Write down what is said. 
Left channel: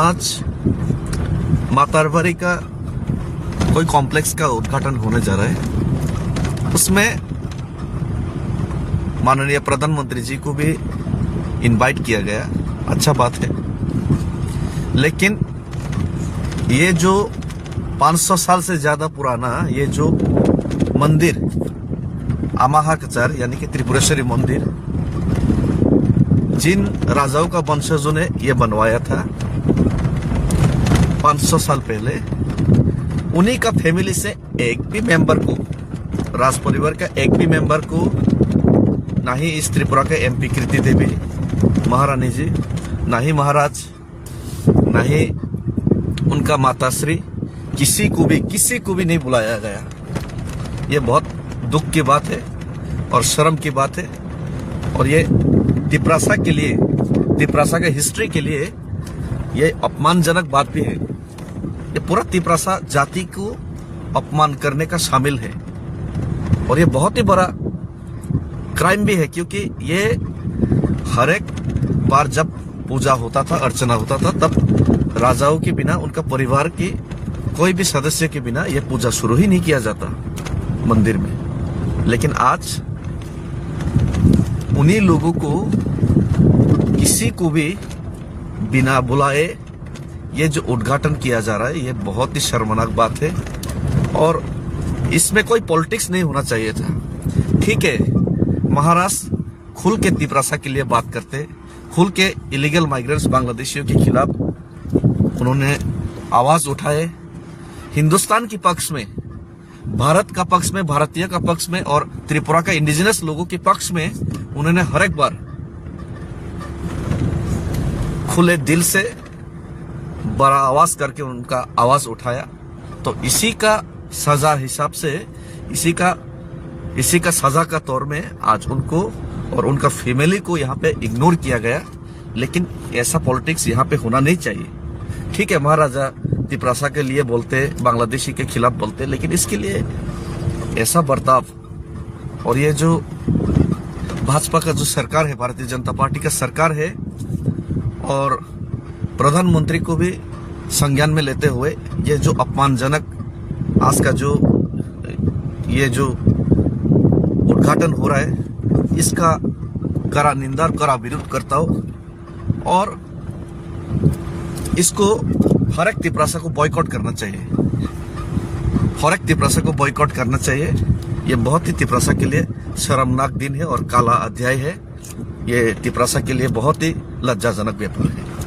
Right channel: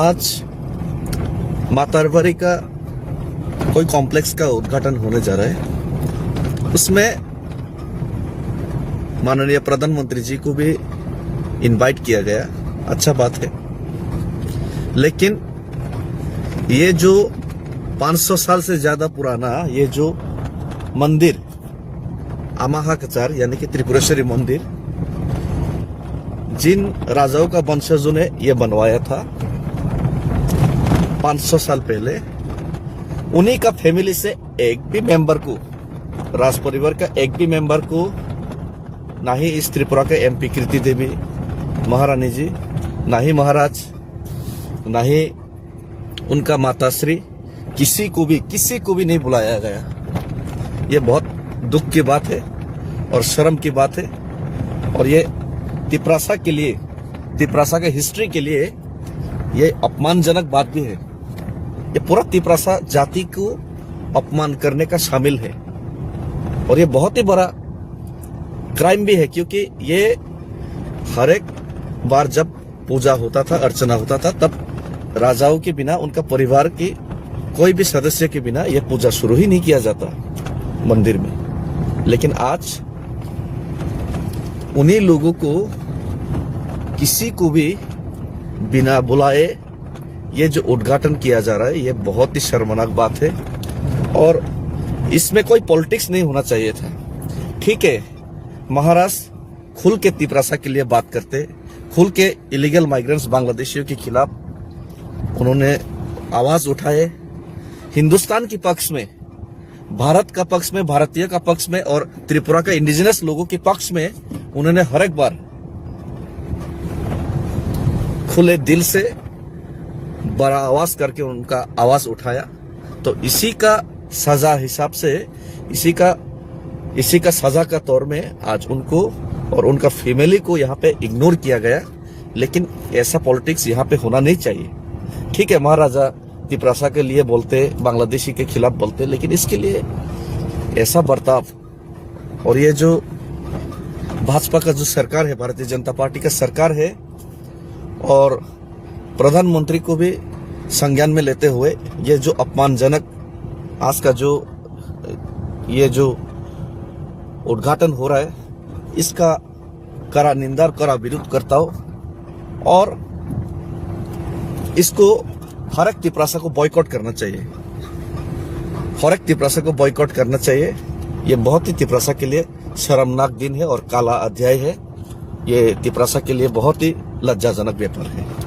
आज मातारवाड़ी का कोई कॉम्प्लेक्स का उद्घाटन होने जा रहा है। उसमें माननीय प्रधानमंत्री जी को भी इनवाइट किया गया। अच्छा बात है, लेकिन ये जो 500 साल से ज्यादा पुराना ये जो मंदिर अमाहाकचार यानी कि त्रिपुरेश्वरी मंदिर, जिन राजाओं का वंशजों ने ये बनवाया था 500 साल पहले, उन्हीं का फैमिली से एक भी मेंबर को, राज परिवार का एक भी मेंबर को, ना ही इस त्रिपुरा के एमपी कीर्ति देवी महारानी जी, ना ही महाराज, ना ही उनका माताश्री, किसी को भी नहीं बुलाया गया। ये बहुत दुख की बात है और शर्म की बात है। और ये तिपरासा के लिए, तिपरासा के हिस्ट्री के लिए ये अपमानजनक बात भी है। ये पूरा तिपरासा जाति को अपमान करने का शामिल है और ये बहुत ही बड़ा क्राइम भी है, क्योंकि ये हर एक बार जब पूजा होता था, अर्चना होता था, तब राजाओं के बिना, उनका परिवार के कोई भी सदस्य के बिना ये पूजा शुरू ही नहीं किया जाता मंदिर में। लेकिन आज उन्हीं लोगों को, किसी को भी बिना बुलाए ये जो उद्घाटन किया जा रहा है, ये बहुत ही शर्मनाक बात है और इसमें कोई पॉलिटिक्स नहीं होना चाहिए था। ठीक है, महाराष्ट्र खुल के तिपरासा के लिए बात करते, खुल के इलीगल माइग्रेंट्स बांग्लादेशियों के खिलाफ उन्होंने आवाज उठाए। हिंदुस्तान के पक्ष में, भारत का पक्ष में, भारतीय का पक्ष में और त्रिपुरा का इंडिजिनस लोगों के पक्ष में उन्होंने हर एक बार खुले दिल से बड़ा आवाज करके उनका आवाज उठाया। तो इसी का सजा हिसाब से, इसी का सजा का तौर में आज उनको और उनका फैमिली को यहाँ पे इग्नोर किया गया। लेकिन ऐसा पॉलिटिक्स यहाँ पे होना नहीं चाहिए। ठीक है, महाराजा तिपरासा के लिए बोलते, बांग्लादेशी के खिलाफ बोलते, लेकिन इसके लिए ऐसा बर्ताव, और ये जो भाजपा का जो सरकार है, भारतीय जनता पार्टी का सरकार है, और प्रधानमंत्री को भी संज्ञान में लेते हुए ये जो अपमानजनक आज का ये जो उद्घाटन हो रहा है, इसका कड़ा निंदा और कड़ा विरोध करता हूं और इसको हर एक तिपरासा को बॉयकॉट करना चाहिए। हर एक तिपरासा को बॉयकॉट करना चाहिए। ये बहुत ही तिपरासा के लिए शर्मनाक दिन है और काला अध्याय है। ये तिपरासा के लिए बहुत ही लज्जाजनक व्यापार है।